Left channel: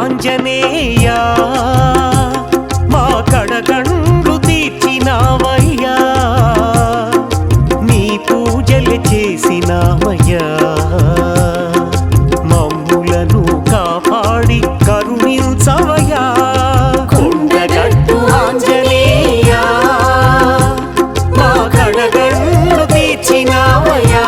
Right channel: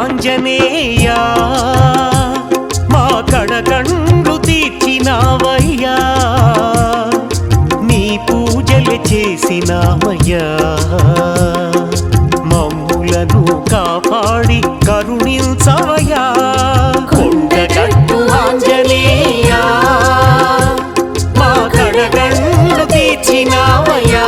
ఆంజనేయ మా కడగండ్లు తీర్చినావయ్యా నీ పూజలు చేసినామయ్యా మమ్ములను కాపాడి కరుణించవయ్యా కొండగట్టు ఆంజనేయ మా కడగండ్లు తీర్చినావయ్యా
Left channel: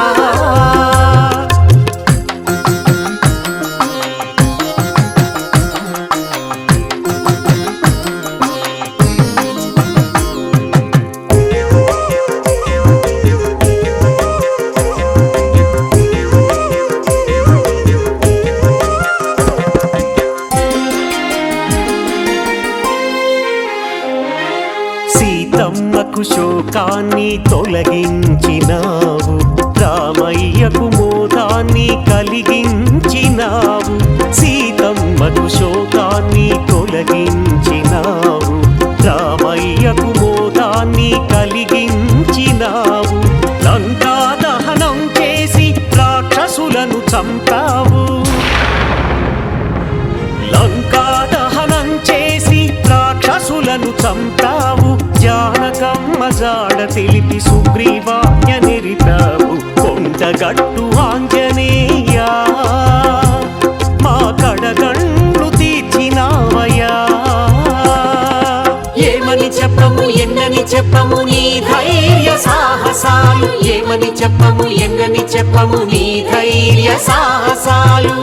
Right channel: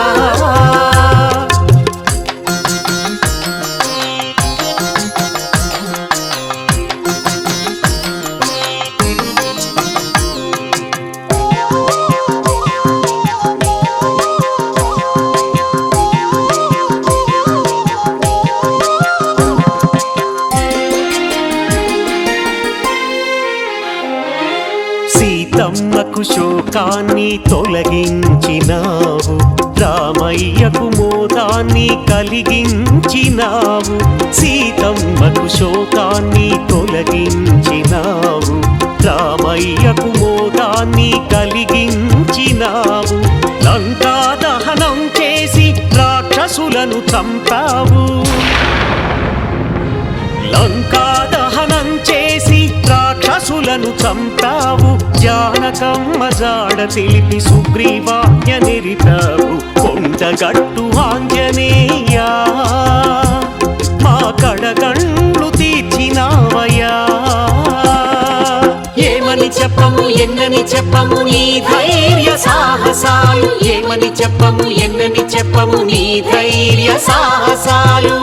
సీతమ్మకు శోకాన్ని తొలగించినావు రామయ్యకు మోదాన్ని కలిగించినావు సీతమ్మకు శోకాన్ని తొలగించినావు రామయ్యకు మోదాన్ని కలిగించినావు లంకా దహనం చేసి రాక్షసులను చంపావు లంకా దహనం చేసి రాక్షసులను చంపావు జానకమ్మ జాడ తెలిపి సుగ్రీవాజ్ఞ నిరిపావు కొండగట్టు ఆంజనేయ మా కడగండ్లు తీర్చినావయ్యా ఏమని చెప్పము ఎన్నని చెప్పము నీ ధైర్య సాహసాలు ఏమని చెప్పము ఎన్నని చెప్పము నీ ధైర్య సాహసాలు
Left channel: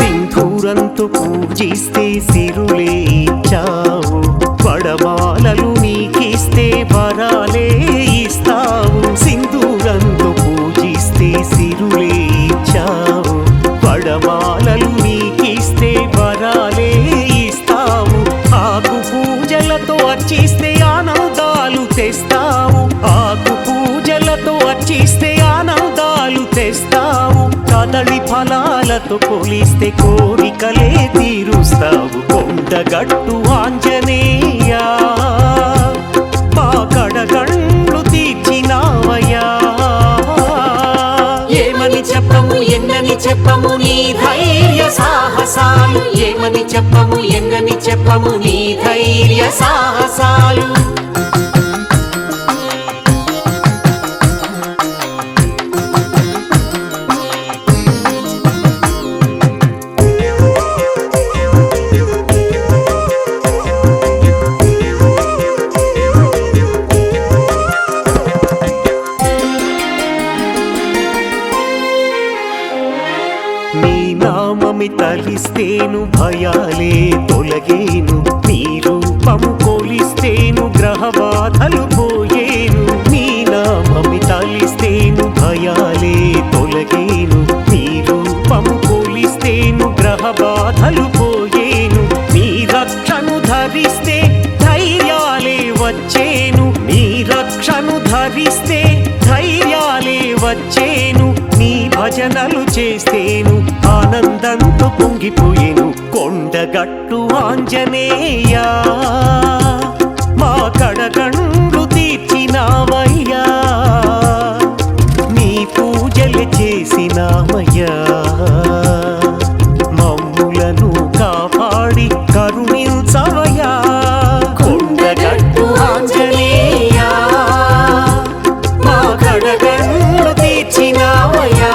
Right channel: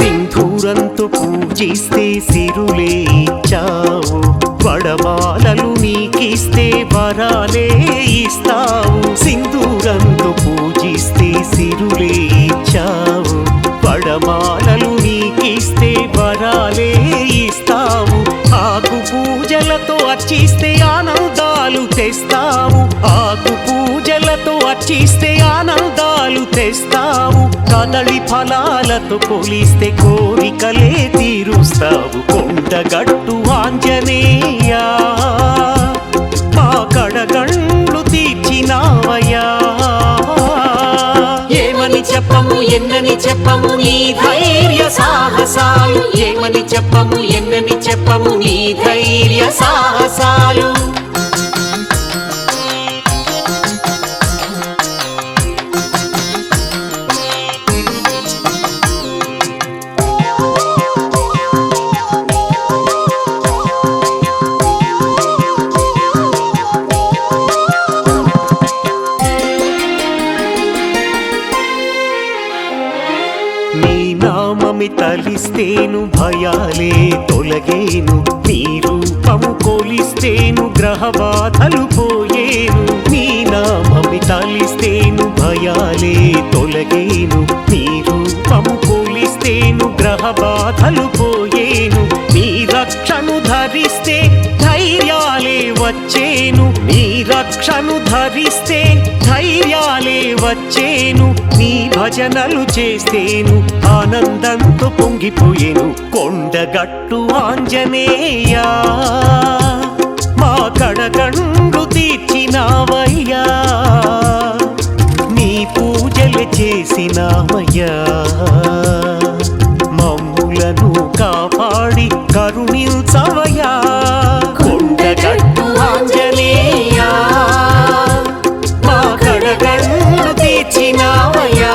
సింధూరంతో పూజిస్తే సిరులే ఇచ్చావు వడమాలలు నీకిస్తే వరాలే ఇస్తావు సింధూరంతో పూజిస్తే సిరులే ఇచ్చావు వడమాలలు నీకిస్తే వరాలే ఇస్తావు ఆకు పూజలతో అర్చిస్తే ఆనందాలు తెస్తావు ఆకు పూజలతో అర్చిస్తే ఆనందాలు తెస్తావు కదళి ఫలాలతో కొలిస్తే కోరికలే తీరుస్తావు కొండగట్టు ఆంజనేయ మా కడగండ్లు తీర్చినావయ్యా ఏమని చెప్పము ఎన్నని చెప్పము నీ ధైర్య సాహసాలు ఏమని చెప్పము ఎన్నని చెప్పము నీ ధైర్య సాహసాలు నీ నామమి తలిస్తేను భయాలే తొలగేను నీ రూపము కొలిస్తేను గ్రహ బాధలు పోయేను నీ నామమి తలిస్తేను భయాలే తొలగేను నీ రూపము కొలిస్తేను గ్రహ బాధలు పోయేను నీ రక్షను ధరిస్తే ధైర్యాలే వచ్చేను నీ రక్షను ధరిస్తే ధైర్యాలే వచ్చేను నీ భజనలు చేస్తేను ఆనందంతో పొంగిపోయేను కొండగట్టు ఆంజనేయ మా కడగండ్లు తీర్చినావయ్యా నీ పూజలు చేసినామయ్యా మమ్ములను కాపాడి కరుణించవయ్యా కొండగట్టు ఆంజనేయ మా కడగండ్లు తీర్చినావయ్యా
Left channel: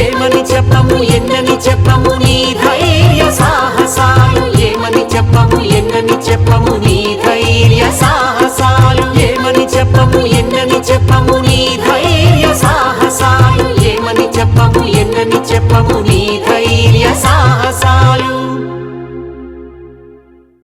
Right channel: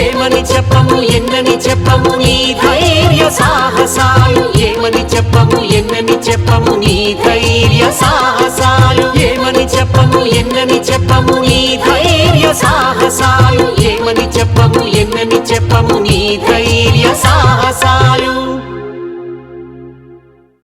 ఏమని చెప్పము ఎన్నని చెప్పము నీ ధైర్య సాహసాలు ఏమని చెప్పము ఎన్నని చెప్పము నీ ధైర్య సాహసాలు ఏమని చెప్పము ఎన్నని చెప్పము నీ ధైర్య సాహసాలు ఏమని చెప్పము ఎన్నని చెప్పము నీ ధైర్య సాహసాలు